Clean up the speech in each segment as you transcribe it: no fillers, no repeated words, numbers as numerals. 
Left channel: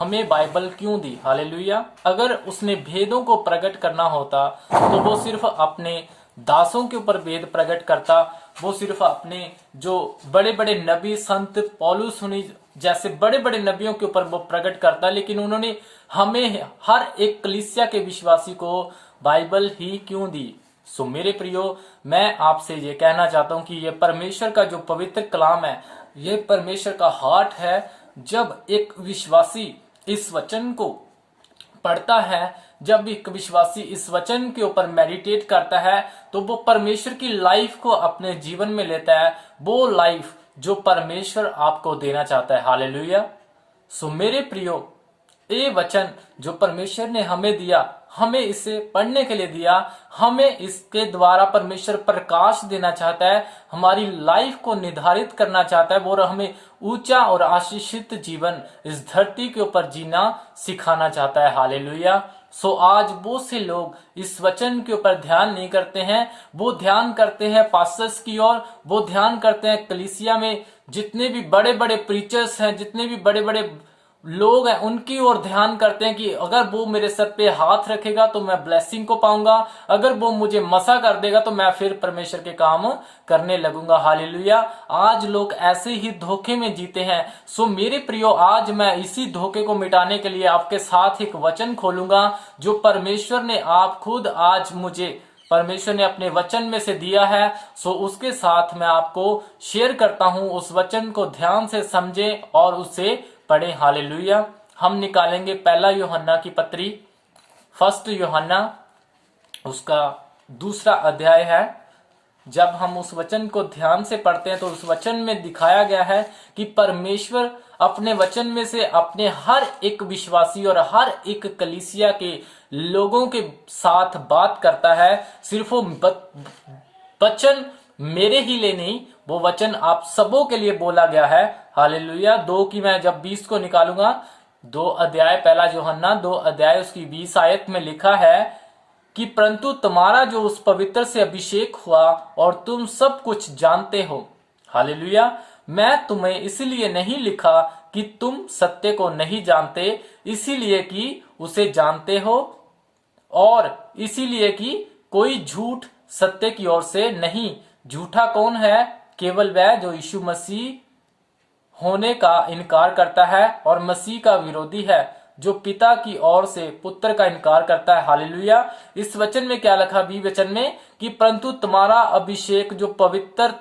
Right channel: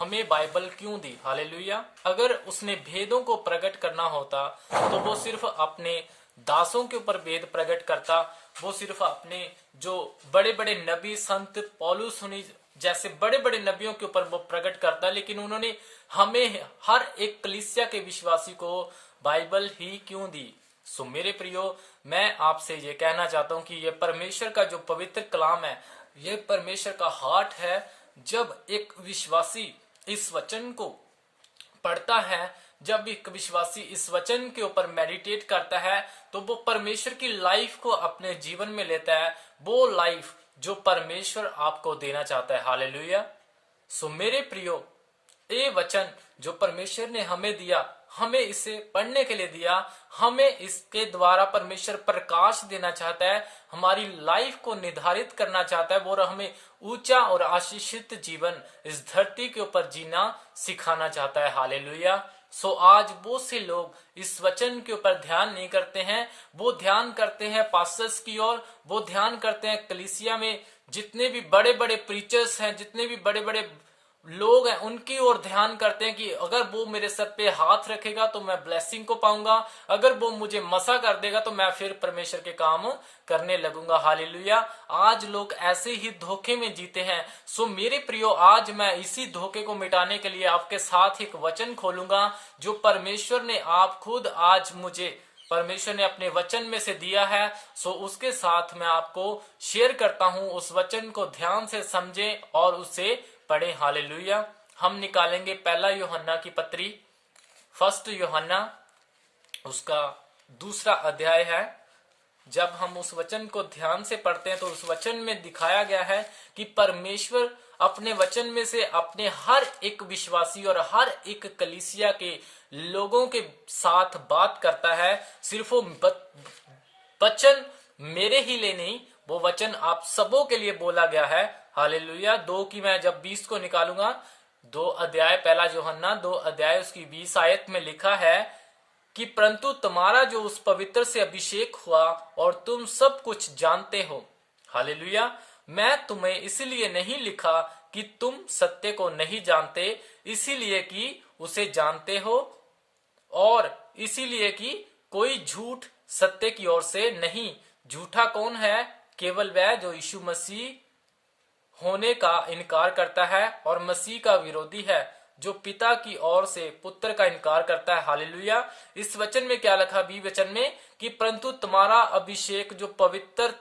हमें बाइबल क्यों दी। हालेलुया। अगर उसने भेदों को प्रकट करना होता तो वो सिर्फ अपने दासों के ऊपर भेद प्रकट करता। वो सिर्फ अपने जो बड़े बड़े नबी संत पौलुस सुनी जैसे बड़े बड़े नबियों के ऊपर वो प्रकट करता, लेकिन उन्होंने हमें हर एक कलीसिया के विश्वासी को बाइबल ही क्यों दी। सो मेरे प्रियो, मैं आपसे ये कहना चाहता हूं कि ये परमेश्वर का जो पवित्र कलाम है, ये परमेश्वर का हार्ट है। जब एक विश्वासी इस वचन को पढ़ता है, जब एक विश्वासी इस वचन के ऊपर मेडिटेट करता है, तो वो परमेश्वर की लाइफ को अपने जीवन में लेता है, वो लाइफ जो परमेश्वर आपको देना चाहता है। हालेलुया। सो मेरे प्रियो, ये वचन जो परमेश्वर ने हमें दिया, हमें इसे पढ़ने के लिए दिया, हमें इसके द्वारा परमेश्वर प्रकाश देना चाहता है, हमारी लाइफ को निर्धारित करना चाहता है, वो हमें ऊंचा और आशीषित जीवन इस धरती के ऊपर जीना सिखाना चाहता है। हालेलुया। सो आज बहुत से लोग इस वचन के ऊपर ध्यान नहीं करते हैं। वो ध्यान करते हैं पास्टर्स की ओर, वो ध्यान करते हैं कलीसिया में जितने भी बड़े बड़े प्रीचर्स हैं, जितने भी बड़े बड़े लोग हैं, उनकी ओर ध्यान करते हैं कि अगर वो मेरे सर पे हाथ रखेगा तो मैं ब्लेसिंग को पाऊंगा, अगर वो मुझे मसा कर देगा तो मैं फिर परमेश्वर के काम करने लगूंगा। हालेलुया। आज लोग ऐसे ही धोखे में जीते हैं। सो मेरे प्रियो, आज मैं इसी धोखे को मिटाने के लिए आपके साथ एक वचन खोलूंगा जो परमेश्वर ने आप खुद आज मुझे परमेश्वर ने अपने वचन में से दिया है। सो उसके साथ मैं आपको शेयर करता हूं। उस वचन को ध्यान से समझें और उसे पढ़ें। हालेलुया। हम निकालेंगे पहला यूहन्ना की पत्री, फर्स्ट यूहन्ना, उसका दूसरा अध्याय है। जब हम उस वचन को ध्यान से पढ़ते हैं तो उस वचन में दिखाया गया है कि परमेश्वर अपने वचन में से अपने हर एक विश्वासी और हर एक कलीसिया के लोगों के साथ बात करता है। सिर्फ वो वचन मेरे ही लिए नहीं, वो वचन आप सबों के लिए बोला गया है। हालेलुया। 2 की मैं जब 20 को निकालूंगा, 2 अध्याय, पहला यूहन्ना 2 अध्याय उसकी 20 आयत में लिखा है कि परंतु तुम्हारा जो उस पवित्र से अभिषेक हुआ और तुम सब कुछ जानते हो। हालेलुया। मैं तुम्हें इसलिए नहीं लिखा कि तुम सत्य को नहीं जानते, इसीलिए कि उसे जानते हो, और इसीलिए कि कोई झूठ सत्य की ओर से नहीं। झूठा कौन है? केवल वह जो यीशु मसीह होने का इनकार करता है और मसीह का विरोधी है, जो पिता की ओर से पुत्र का इनकार करता है। हालेलुया। इस वचन में क्या लिखा? 20 वचन में कि परंतु तुम्हारा अभिषेक जो पवित्र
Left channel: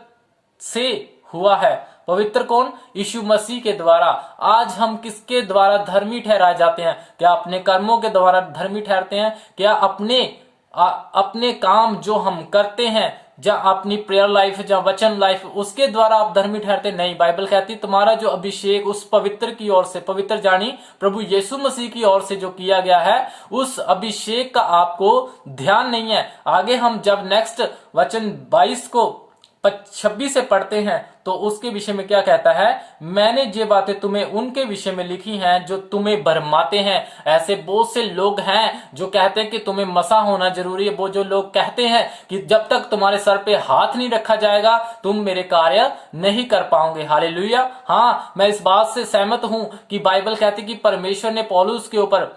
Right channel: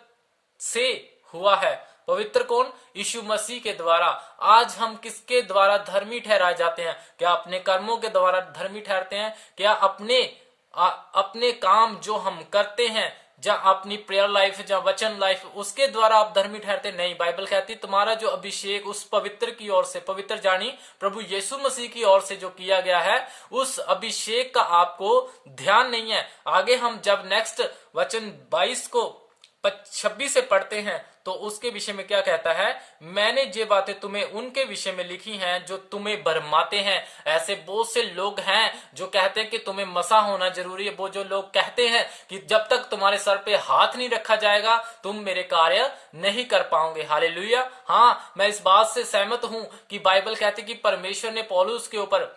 से हुआ है। पवित्र कौन? यीशु मसीह के द्वारा। आज हम किसके द्वारा धर्मी ठहराए जाते हैं? क्या अपने कर्मों के द्वारा धर्मी ठहरते हैं? क्या अपने काम जो हम करते हैं, या अपनी प्रेयर लाइफ या वचन लाइफ, उसके द्वारा आप धर्मी ठहरते? नहीं। बाइबल कहती तुम्हारा जो अभिषेक उस पवित्र की ओर से, पवित्र जानी प्रभु यीशु मसीह की ओर से जो किया गया है, उस अभिषेक का आपको ध्यान नहीं है। आगे हम जब नेक्स्ट वचन 22 को 26 से पढ़ते हैं तो उसके विषय में क्या कहता है? मैंने ये बातें तुम्हें उनके विषय में लिखी हैं जो तुम्हें भरमाते हैं। ऐसे बहुत से लोग हैं जो कहते हैं कि तुम्हें मसा होना जरूरी है। वो जो लोग कहते हैं कि जब तक तुम्हारे सर पे हाथ नहीं रखा जाएगा तुम मेरे कार्य नहीं कर पाओगे। हालेलुया। हाँ, मैं इस बात से सहमत हूं कि बाइबल कहती कि परमेश्वर ने पौलुस के ऊपर,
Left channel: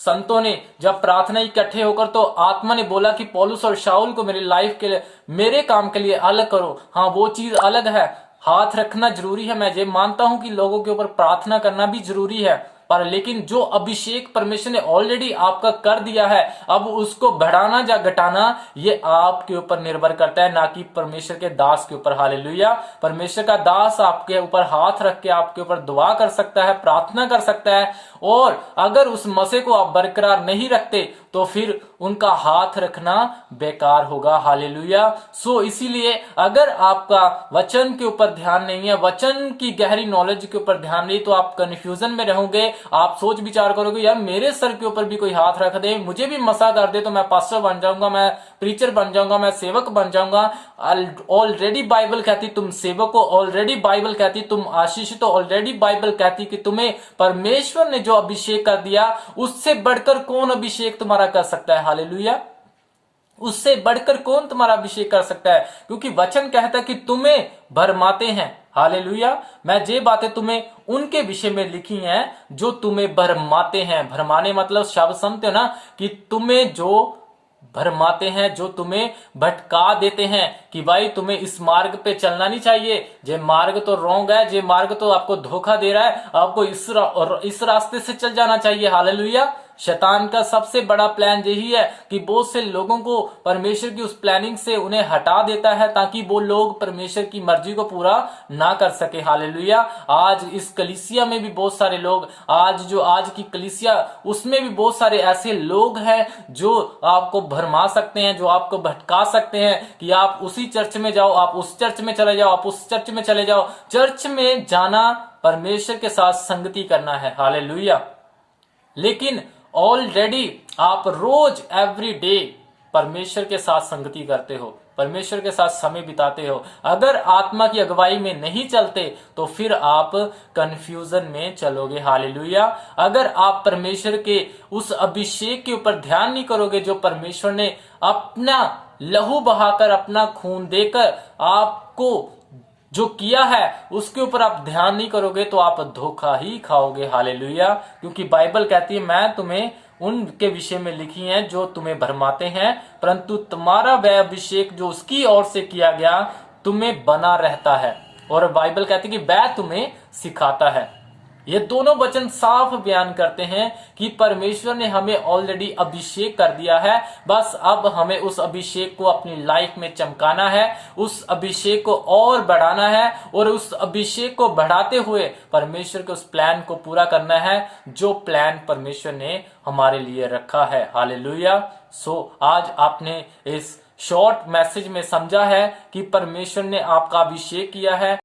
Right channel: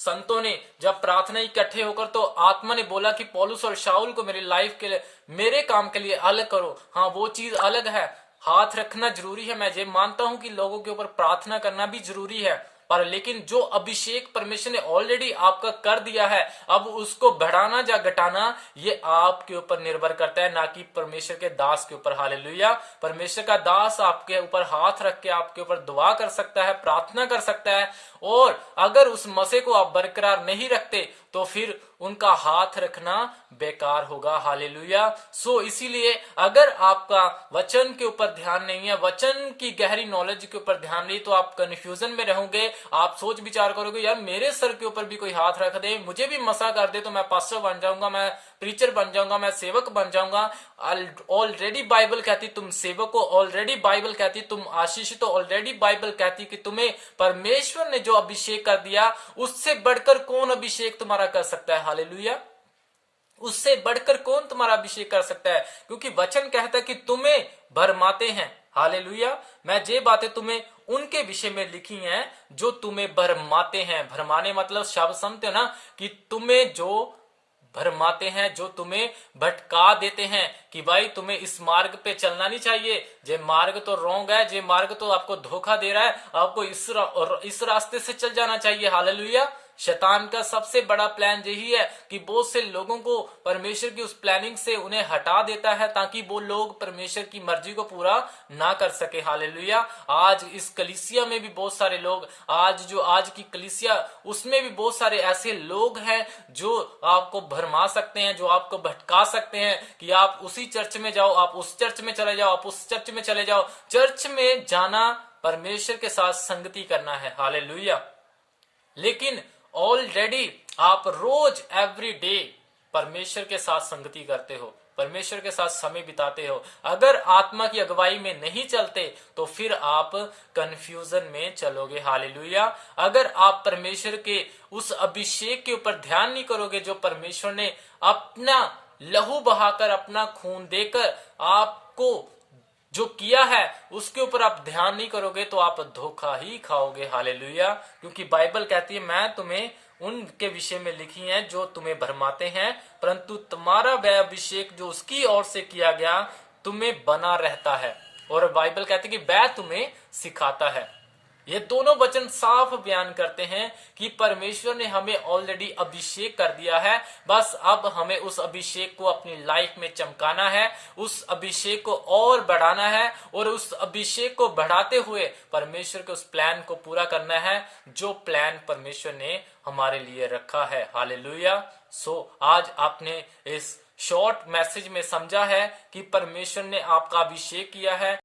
संतों ने जब प्रार्थना इकट्ठे होकर, तो आत्मा ने बोला कि पौलुस और शाऊल को मेरी लाइफ के लिए, मेरे काम के लिए अलग करो। हाँ, वो चीज अलग है, हाथ रखना जरूरी है। मैं ये मानता हूं कि लोगों के ऊपर प्रार्थना करना भी जरूरी है, पर लेकिन जो अभिषेक परमेश्वर ने ऑलरेडी आपका कर दिया है, अब उसको बढ़ाना या घटाना ये आपके ऊपर निर्भर करता है, ना कि परमेश्वर के दास के ऊपर। हालेलुया। परमेश्वर का दास आपके ऊपर हाथ रख के आपके ऊपर दुआ कर सकता है, प्रार्थना कर सकता है, और अगर उस मसे को आप बरकरार नहीं रखते तो फिर उनका हाथ रखना बेकार होगा। हालेलुया। सो इसीलिए अगर आपका वचन के ऊपर ध्यान नहीं है, वचन की गहरी नॉलेज के ऊपर ध्यान नहीं, तो आप कंफ्यूजन में रहोगे। आप सोच विचार करोगे यार मेरे सर के ऊपर भी कोई हाथ रख दे, मुझे भी मसा कर दे तो मैं पास्टर बन जाऊंगा, मैं प्रीचर बन जाऊंगा, मैं सेवक बन जाऊंगा। ऑलरेडी बाइबल कहती तुम सेवक हो, ऑलरेडी बाइबल कहती तुम आशीषित हो, ऑलरेडी बाइबल कहती कि तुम्हें परमेश्वर ने जो अभिषेक कर दिया, उससे बढ़कर कौन अभिषेक तुम्हारा कर सकता है? हालेलुया। उससे बढ़कर कौन तुम्हारा अभिषेक कर सकता है? क्योंकि वचन कहता है कि तुम्हें भरमाते हैं। हालेलुया। मैं ये बातें तुम्हें उनके विषय में लिखी हैं जो तुम्हें भरमाते हैं। भरमाने मतलब शब्द समझते हो ना, कि तुम्हें जो भरमाते हैं, जो तुम्हें भटका देते हैं कि भाई तुम्हें इस मार्ग पे चलना नहीं चाहिए, ये मार्ग तो रॉन्ग है, ये मार्ग तो आपको धोखा दे रहा है, आपको इस रास्ते से चल जाना चाहिए। हालेलुया। शैतान का सबसे बड़ा प्लान यही है कि बहुत से लोगों को परमेश्वर की उस प्लानिंग से उन्हें हटा देता है, ताकि वो लोग परमेश्वर की मर्जी को पूरा ना कर सके। हालेलुया। आज इस कलीसिया में भी बहुत सारे लोग, आज की कलीसिया, उसमें भी बहुत सारे ऐसे लोग हैं जो आपको भरमा सकते हैं, जो आपको भटका सकते हैं कि आप उसी चर्च में जाओ, आप उस चर्च में चले जाओ, आप उस चर्च में चले जाओ। चर्च में जाना परमेश्वर के साथ संगति करना है। हालेलुया। लेकिन ऑलरेडी आप रोज एवरी डे परमेश्वर के साथ संगति करते हो, परमेश्वर के साथ समय बिताते हो। अगर आत्मा की अगुवाई में नहीं चलते तो फिर आप कंफ्यूजन में चलोगे। हालेलुया। अगर आप परमेश्वर के उस अभिषेक के ऊपर ध्यान नहीं करोगे जो परमेश्वर ने अपना लहू बहाकर, अपना खून देकर आपको जो किया है, उसके ऊपर आप ध्यान नहीं करोगे तो आप धोखा ही खाओगे। हालेलुया। क्योंकि बाइबल कहती है, मैं तुम्हें उनके विषय में लिखी हैं जो तुम्हें भरमाते हैं, परंतु तुम्हारा वह अभिषेक जो उसकी ओर से किया गया तुम्हें बना रहता है। और बाइबल कहती है कि वह तुम्हें सिखाता है। ये दोनों वचन साफ बयान करते हैं कि परमेश्वर ने हमें ऑलरेडी अभिषेक कर दिया है, बस अब हमें उस अभिषेक को अपनी लाइफ में चमकाना है, उस अभिषेक को और बढ़ाना है, और उस अभिषेक को बढ़ाते हुए परमेश्वर के उस प्लान को पूरा करना है जो प्लान परमेश्वर ने हमारे लिए रखा है। हालेलुया। आज आपने इस शॉर्ट मैसेज में समझा है कि परमेश्वर ने आपका अभिषेक किया है।